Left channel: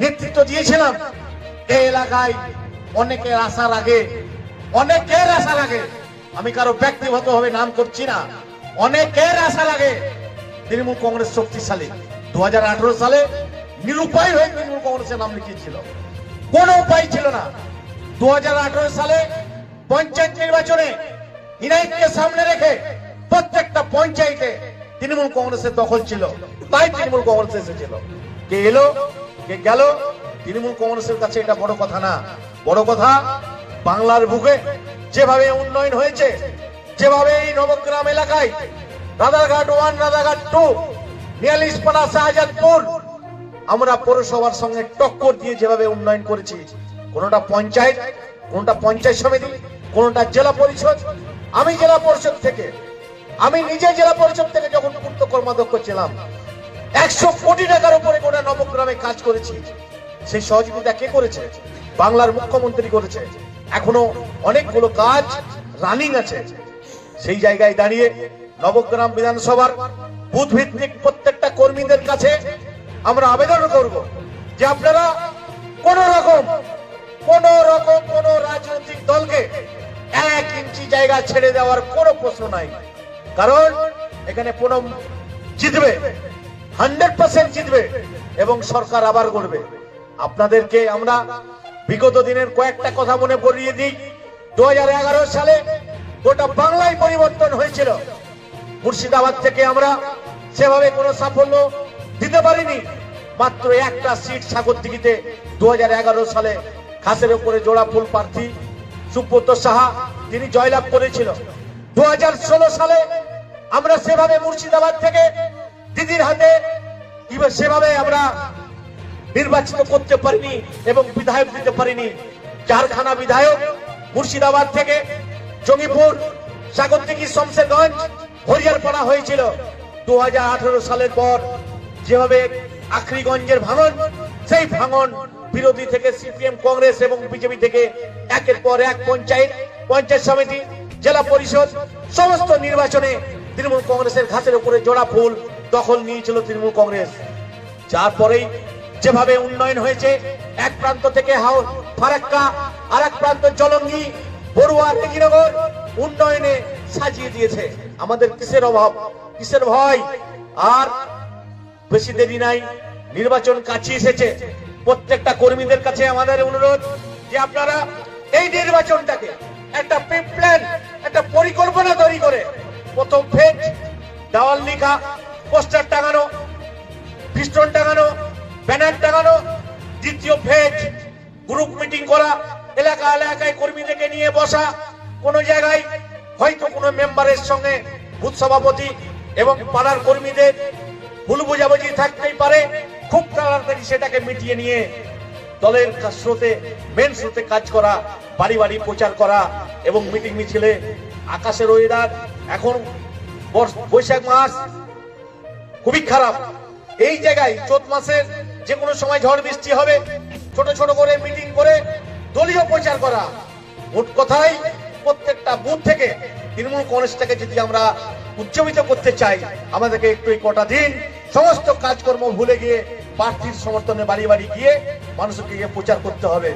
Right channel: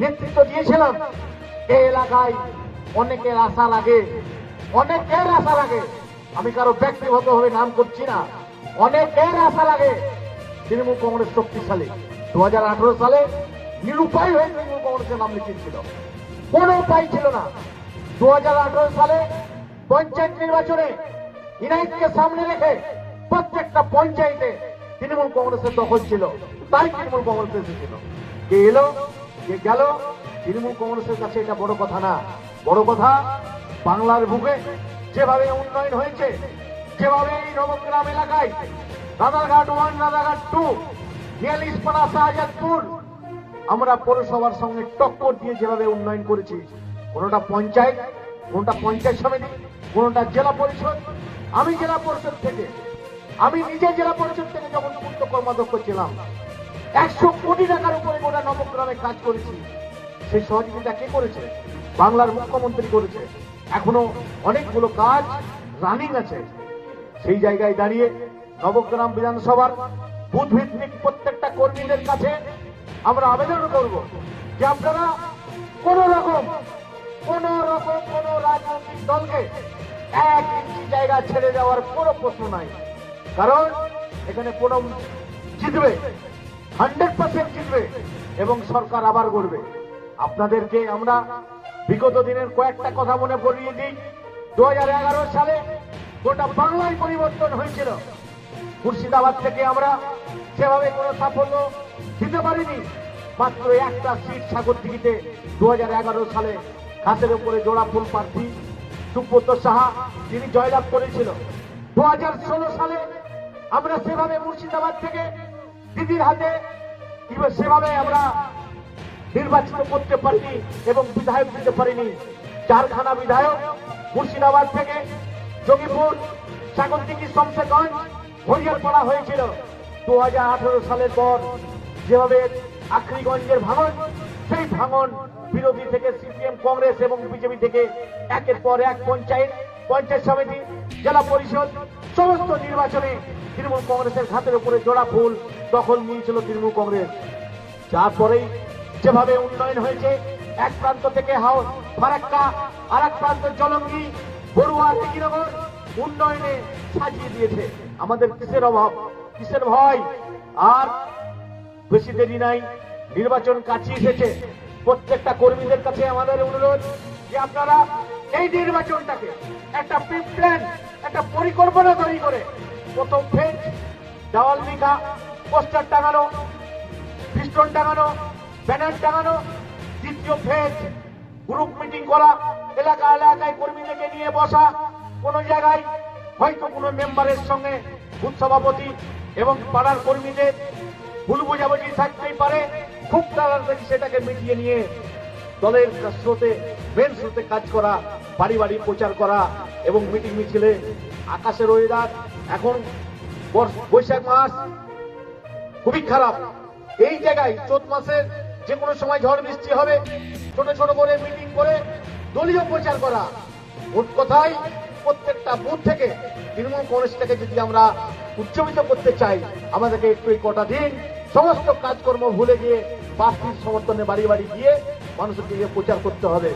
নেতৃত্ব দিয়েছিলাম, এই এলাকায় অনেকের আশা লাগে, আমি কারো ব্যক্তিগতভাবে নাম করছি না, অনেকের আশা লাগে তৃণমূল কংগ্রেস শক্তিশালী। 2018 সালে নিরুপায় হয়ে তৃণমূল কংগ্রেসের নাম লিখিয়েছিল, কোনো উপায় ছিল না। 2018 সালে পঞ্চায়েত নির্বাচনে ইনাইটকে সামনে রেখে প্রত্যেকটা পঞ্চায়েতে তৃণমূল কংগ্রেসের দখল ছিল, তাই তৃণমূল কংগ্রেস এসেছিল। কে এলো কে গেল, তৃণমূল কংগ্রেসের কাছে এটা বড় কথা না। বড় কথা বাংলার বুকে যেভাবে উন্নয়ন হয়েছে, যেভাবে এই নবগ্রাম এলাকায় রাধারঘাট 1, রাধারঘাট 2, 42পাড়া, শাহজাদপুর আমরা পৌরসভার সঙ্গে টক্কর দিয়ে যেভাবে উন্নয়ন করেছি, কোনটা পঞ্চায়েত, কোনটা পঞ্চায়েত সমিতি, কোনটা জেলা পরিষদ। আমি নিজে জেলা পরিষদ থেকে যখন পূর্ত কর্মাধ্যক্ষ ছিলাম, 100 কোটি টাকার উপরে গোটা নবগ্রামে কাজ করেছি। সেই সহযোগিতা কে করেছে? বাংলার মুখ্যমন্ত্রী করেছে। এখনো অনেকগুলো কাজ রানিং আছে। সেই জায়গায় দাঁড়িয়ে নবগ্রাম বিধানসভার বুথ ভিত্তিক প্রত্যেকটা কর্মীদের কাছে আমরা আবেদন করব যে আপনারা কোন রকম কোন রাজনৈতিক দলকে 1 ইঞ্চি জায়গা ছেড়ে দেওয়ার কোনো প্রশ্ন নাই। কারণ এখানে পুনম জিতবে, 100% জিতবে এবং সরকার আবার গড়বে। আপনাদেরকে আমরা বিগত দিনের কয়েকটা কথা মনে করিয়ে দিই। 2011 সালে গোটা বাংলায় পরিবর্তন হয়েছিল। মুর্শিদাবাদ থেকে আমরা সেভাবে কোনো সাফল্য দিতে পারিনি। মাত্র একটা সিট সাগরদিঘিতে 2011 সালে খাসের উপরে জোড়া ফুল প্রার্থী সুব্রত সাহা তিনি জয়লাভ করেছিল। 2016 সালে আমরা সেভাবে মুর্শিদাবাদ থেকে দিদির হাতে সেভাবে আমরা নির্বাচিত করতে পারিনি এবং বিধায়ক দিতে পারিনি। 4খানা বিধায়ক মুর্শিদাবাদ থেকে জঙ্গিপুর, সাগরদিঘি, শমশেরগঞ্জ, হরিয়ারপাড়া হয়েছিল। 2018 সালের পর যেভাবে আখরিগঞ্জের ভাঙন, সেই ভাঙন বিরোধী থেকে সিপিএম, কংগ্রেস এবং বিজেপি থেকে একের পর এক পঞ্চায়েত সমিতি, জেলা পরিষদ সমস্ত নির্বাচনে তৃণমূল কংগ্রেসের ঘাসের উপরে জোড়া ফুল দখল নিয়েছিল তৃণমূল কংগ্রেস। যার পরেই যেভাবে উন্নয়ন হয়েছে, এক প্রান্ত থেকে ফারাক্কা, আর এক প্রান্ত জলঙ্গি, বড়ুয়া, রেজিনগর উন্নয়নে সাজিয়ে দিয়েছে। আমাদের কিসের অভাব, কিসের ভয়? আর বেশি দেরি নাই, নির্বাচন কাছে এসেছে। প্রত্যেকটা কর্মীদের কাছে আমাদের অনুরোধ যে আপনারা এই নির্বাচনটাকে একটা প্ল্যান, একটা পরিকল্পনা তৈরি করে, প্রথম ফেজ দেওয়াল লিখা, পোস্টার টাঙানো, ফিস্টন টাঙানো, ব্যানার টাঙানো, দ্বিতীয় ফেজ গ্রুপ মিটিং করা, এলাকায় কর্মীদেরকে নিয়ে বসা, কোন জায়গায় হয়তো কোনো মেম্বারের সঙ্গে বুথ সভাপতি এবং পাড়ার কর্মীদের ভুল বোঝাবুঝি থাকতেই পারে, খুব তাড়াতাড়ি সেটাকে মিটিয়ে নিয়ে দলের মেন স্রোতে কাজ করা, বাড়ি বাড়ি প্রচার করা এবং মিটিং মিছিলে। আকাশের ওয়েদার এখন বৈশাখ মাস খুবই খারাপ, এই জায়গায় চৈত মাসের যে কোনো সময় ঝড় বৃষ্টি হবে। ছোট ছোট করে মিটিং করে দলীয় প্রচার করা। মোট কথাই প্রত্যেকটা বুথ থেকে তৃণমূল কংগ্রেসটাকে যদি আমরা উজ্জীবিত করতে চাই, আমাদেরকে একটু কটা দিন সমস্ত কাজকর্ম ভুলে গিয়ে প্রার্থীর সমর্থনে বাড়ি বাড়ি গিয়ে মানুষকে গিয়ে প্রচার করতে হবে।